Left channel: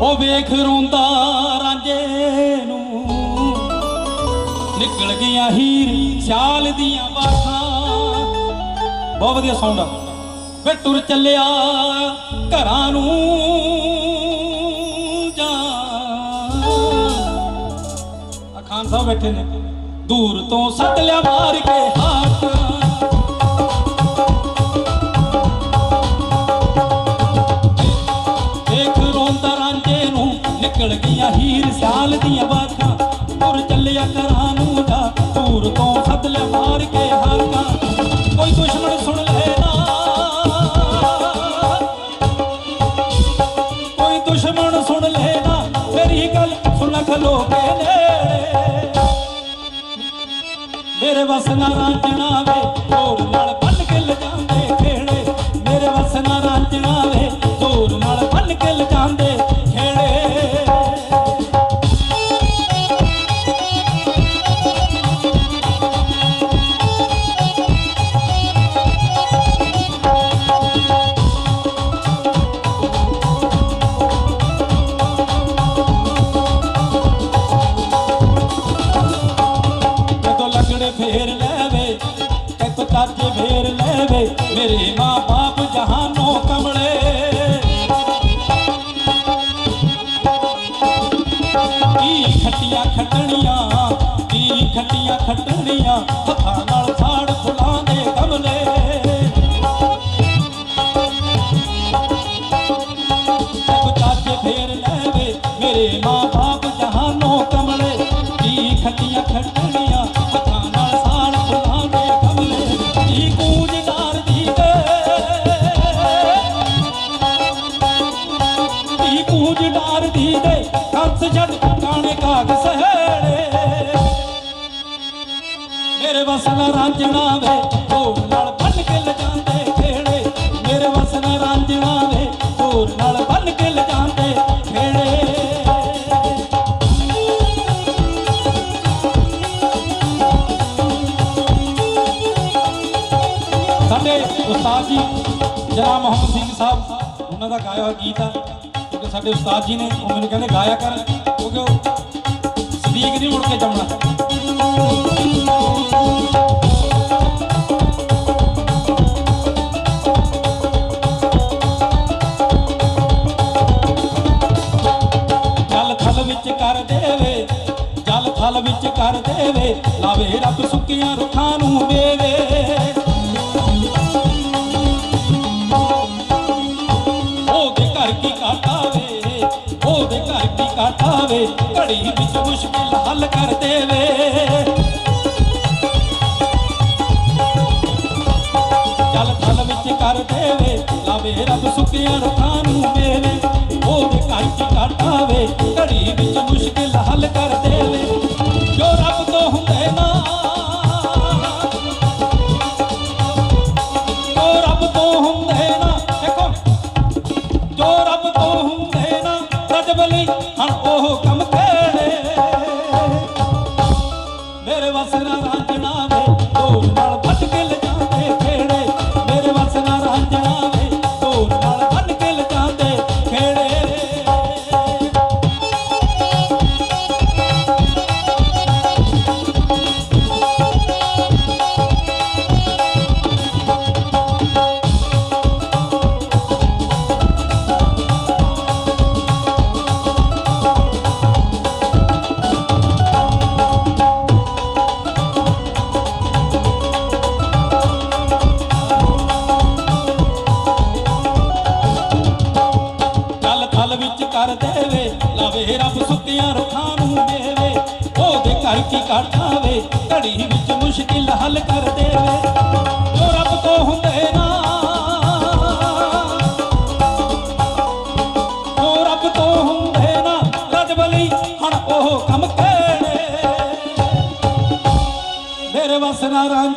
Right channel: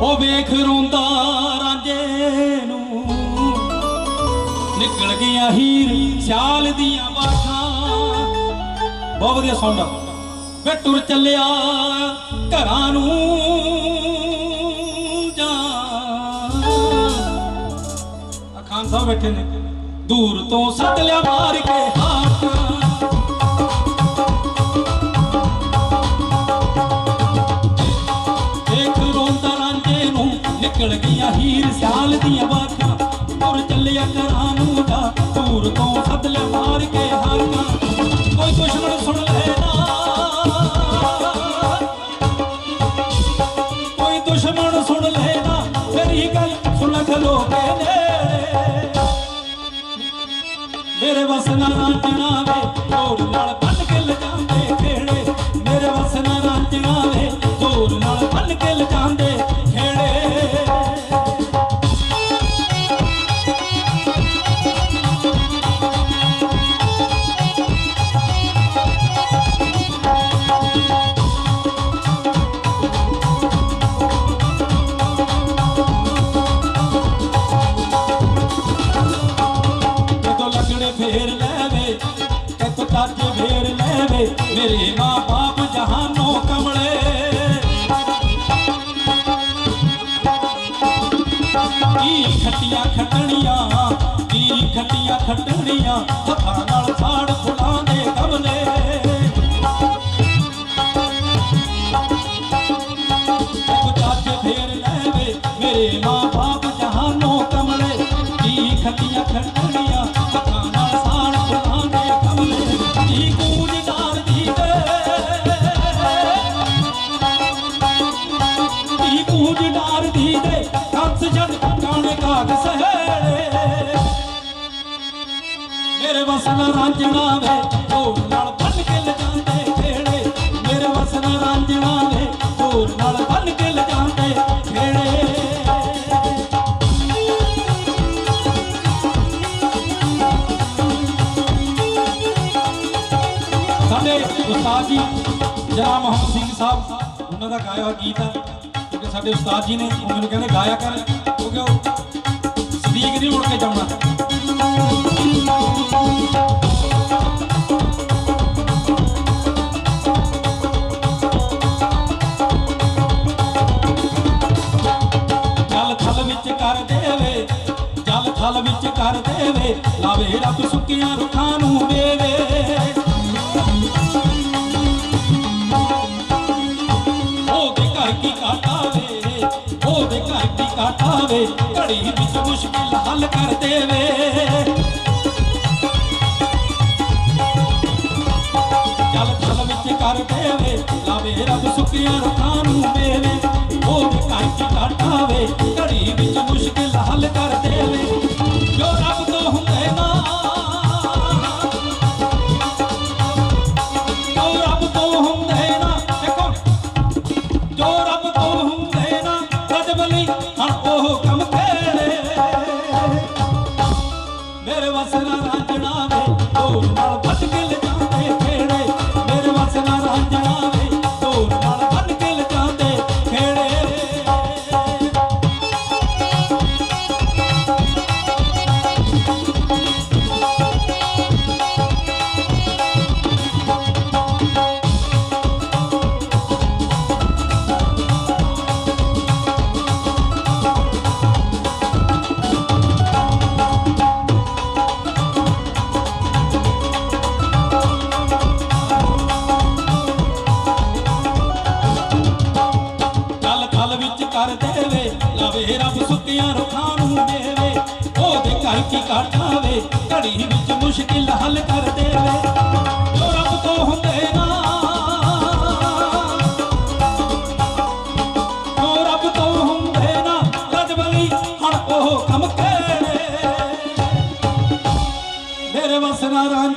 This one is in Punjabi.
ਉਹ ਵੇਖ ਰੋਂਦਾ ਰਾਂਝੇ ਨੂੰ। ਨਿਕਲ ਗਈਆਂ ਹੀਰ ਸਿਆਲ ਦੀਆਂ ਬਾਖਾਂ ਬਹੁਤ ਵਧੀਆ ਸਾਊਂਡ ਆ। ਵੇ ਟੁਰ ਚੱਲਿਆ ਘਰਾਂ ਨੂੰ ਜਾ ਖਾਨ ਸਾਹਿਬ ਬੈਠੇ ਨੇ। ਦੂਰ ਤੋਂ ਸੱਦ ਲਿਆ ਮਾਰ ਕੇ। ਨਿਕਲ ਗਈਆਂ ਹੀਰ ਸਿਆਲ ਦੀਆਂ ਬਾਖਾਂ ਤੁਰ ਚੱਲਿਆ ਘਰਾਂ ਨੂੰ ਜਾ ਦੂਰ ਤੋਂ ਸੱਦ ਲਿਆ ਮਾਰ ਕੇ ਹਾਕਾਂ। ਕੋਈ ਦੁਸ਼ਮਣ ਸੁਣ ਲੈਣਾ ਕੋਈ ਦੁਸ਼ਮਣ ਸੁਣ ਲੈਣਾ ਮੇਰੀ ਗੱਲ ਸੁਣ ਖਲੋ ਕੇ ਨੇੜੇ। ਮੇਰੇ ਵਸ ਨਾ ਰਾਂਝਣਾ ਵੇ ਜੋਰ ਨਾਲ ਮੇਰੇ ਮਾਂ ਬਾਪ ਜਹਾਨੋਂ ਕਮਲੇ ਕੀ ਖੱਟੀਆਂ ਖੱਟਣੀਆਂ ਕੀ ਖੱਟੀਆਂ ਖੱਟਣੀਆਂ ਹੱਥਾਂ ਨਾਲ ਸਾੜ ਕੂੰਜ ਡਾਰਦੀ ਕੰਸ ਜਦ ਕਾਣੇ ਕਾਗ ਸਹੇੜੇ। ਮੇਰੇ ਵਸਨਾ ਰਾਂਝਣਾ ਵੇ ਢੋਲ ਨਾਲ ਬੰਨ ਕੇ ਲਜਾਂਦੇ ਖੇੜੇ। ਮੇਰੇ ਵਸਨਾ ਰਾਂਝਣਾ ਵੇ ਢੋਲ ਨਾਲ ਬੰਨ ਕੇ ਲਜਾਂਦੇ ਖੇੜੇ। ਸਾਡੇ ਉਸਤਾਦ ਜੀ, ਜਨਾਬ ਮੁਹੰਮਦ ਸਿੰਘ ਸਾਹਿਬ, ਉਹਨਾਂ ਦਾ ਗਾਇਆ ਹੋਇਆ ਗੀਤ ਆ। ਸਾਡੇ ਉਸਤਾਦ ਜੀ ਨੇ ਉਹ ਮੈਨੂੰ ਕਹਿੰਦੇ ਗਾਇਆ ਕਰ ਕਿਉਂਕਿ ਉਹ ਸਦੀਕ ਨਹੀਂ ਮੁੜ ਕੇ ਜਾਣਾ ਜਲ ਥਲ ਵਿੱਚ ਕਰ ਦੇਵੇ, ਜਲ ਥਲ ਵਿੱਚ ਕਰ ਦੇਵੇ, ਲਾਵੇ ਰੱਬ ਸੁੱਕੀਆਂ ਰੁੱਖਾਂ ਨੂੰ ਦੇਵੇ। ਕੀ ਕਾਟਾਵੇ ਉਹਦੇ ਘਰ ਘੜੀ ਵਿੱਚ ਮੁਸ਼ਕਿਲ ਹੱਲ ਕਰ ਦੇਵੇ। ਜਲ ਥਲ ਵਿੱਚ ਕਰ ਦੇਵੇ, ਲਾਵੇ ਰੱਬ ਸੁੱਕੀਆਂ ਰੁੱਖਾਂ ਨੂੰ ਮੇਵੇ। ਉਹਦੇ ਘਰ ਕੀ ਘੜੀ ਵਿੱਚ ਮੁਸ਼ਕਿਲ ਹੱਲ ਕਰ ਦੇਵੇ। ਉਹਦੇ ਘਰ ਕੀ ਘੜੀ ਵਿੱਚ ਮੁਸ਼ਕਿਲ ਹੱਲ ਕਰ ਦੇਵੇ। ਜੋ ਰੱਬ ਤੋਂ ਹੁੰਦੇ ਨਾ, ਜੋ ਰੱਬ ਤੋਂ ਹੁੰਦੇ ਨਾ ਰਜਬਲੀ ਹਣ ਉਹ ਕੰਮ ਕਰੇ ਮੇਰੇ ਵਸਨਾ ਰਾਂਝ